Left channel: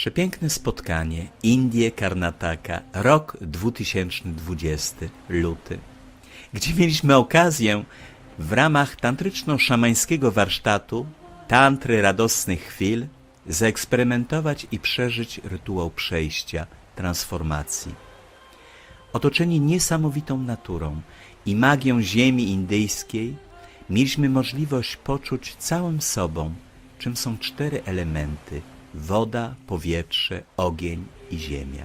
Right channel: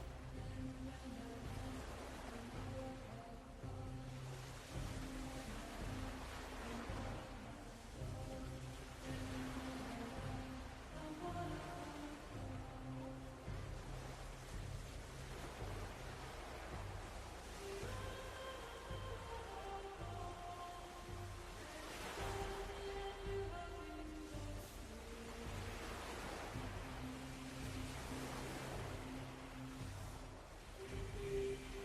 Przepiękne spotkanie, Indie Karnataka, rok 2020, luty, gdzie mieliśmy okazję w ramach tantryczno-szamańskiego warsztatu Tantry Radosnych Chwil zaeksperymentować i przeżyć rytuał przejścia, transformacji. Otoczeni niesamowitą naturą i magią ziemi indyjskiej, mieliśmy możliwość poczuć całym sobą, czym są cztery elementy woda, powietrze, ogień i ziemia.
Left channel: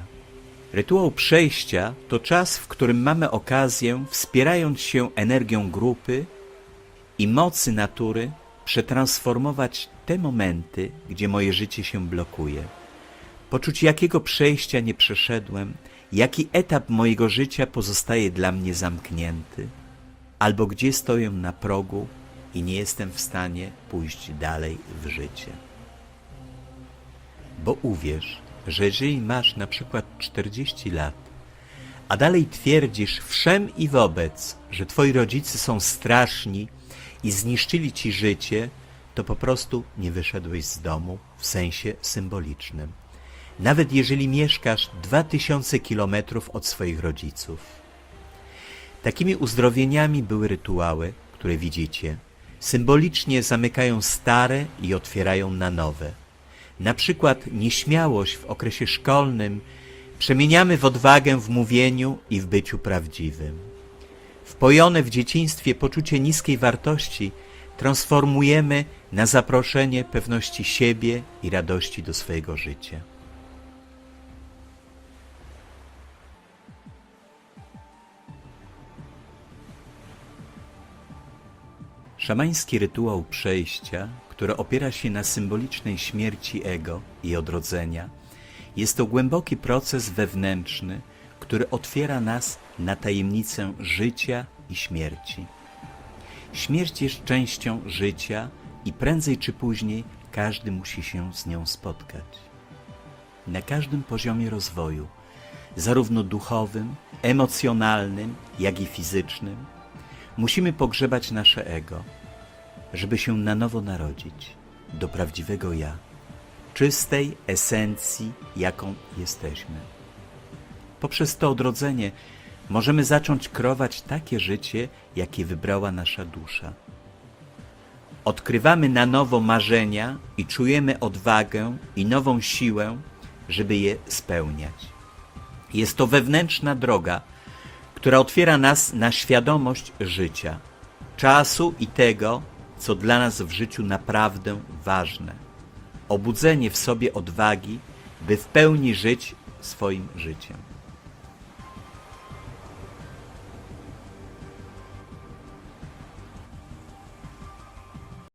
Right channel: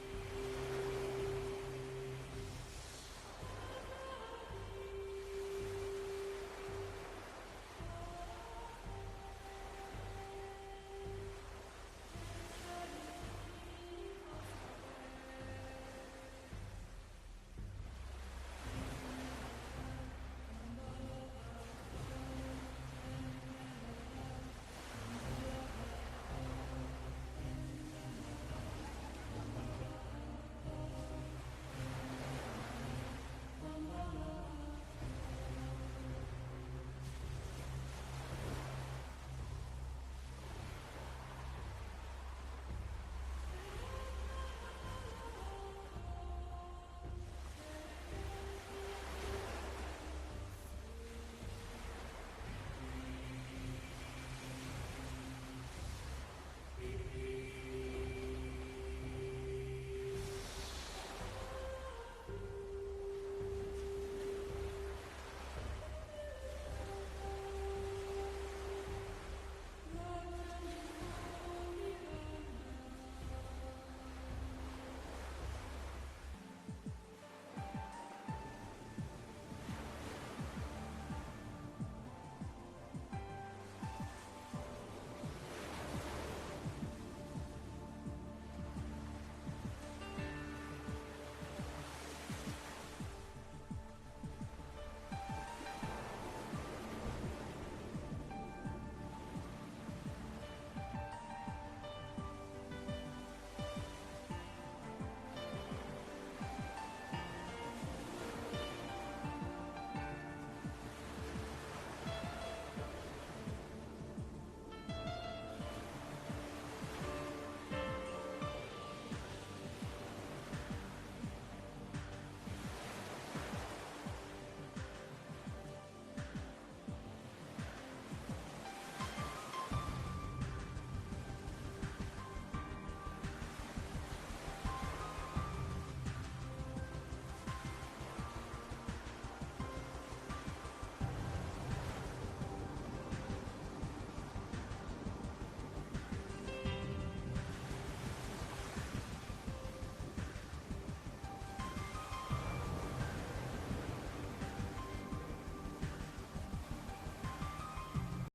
Rytuał przejścia to czas, w którym mamy okazję, wspierając się energią grupy i mocy natury, przetransformować te momenty, gdzie moje życie się blokuje. Poczuć, jakiego przejścia nie przeszedłem, jaki etap mojego życia pozostaje dla mnie zamknięty, albo gdzie stoję na progu i nie jestem w stanie pójść dalej w życie. Bo uwierz, że jeżeli masz na przykład 40 lat, a dalej twierdzisz wszem i wobec, że twoi rodzice są straszni i zniszczyli ci życie, to po prostu nie wyszedłeś z domu w sensie symbolicznym. Nawet jeżeli mieszkasz 2000 kilometrów od swoich rodziców. Takimi uzdrowieniami były rytuały, które widzicie. Symbolicznie zamykają stare i otwierają na nowe. Na przykład nieśmiałość w okresie szkolnym przemieniamy w odwagę w mówieniu i w byciu prawdziwym. Wpojone w dzieciństwie poczucie niskiej wartości transformujemy na zaproszenie pewności siebie i radości do swojego życia. Szamański rytuał przejścia, który opiera się na symbolicznej śmierci ego i odrodzenia, jest to głęboki proces wewnętrzny, który otwiera nas na tajemnicę życia i śmierci. Śmierć jest częścią życia i prędzej czy później każdy musi się z nią spotkać. Na każdym poziomie rozwoju, zarówno duchowym, emocjonalnym, jak i fizycznym, musimy pogrzebać nasze ego, żeby się na nowo narodzić do prawdziwego ja, czystej esencji, jaką jesteśmy. Poprzez to odrodzenie możemy zacząć kreować takie życie, jakie wybrała nasza dusza. Odkrywamy na nowo marzenia i czujemy odwagę i nową siłę, żeby je spełniać. Jest to wewnętrzna droga, która otwiera nas na świadomość życia, czasu i tego, co dla nas w życiu naprawdę ważne. Obudzenie w sobie odwagi, by w pełni żyć swoim życiem.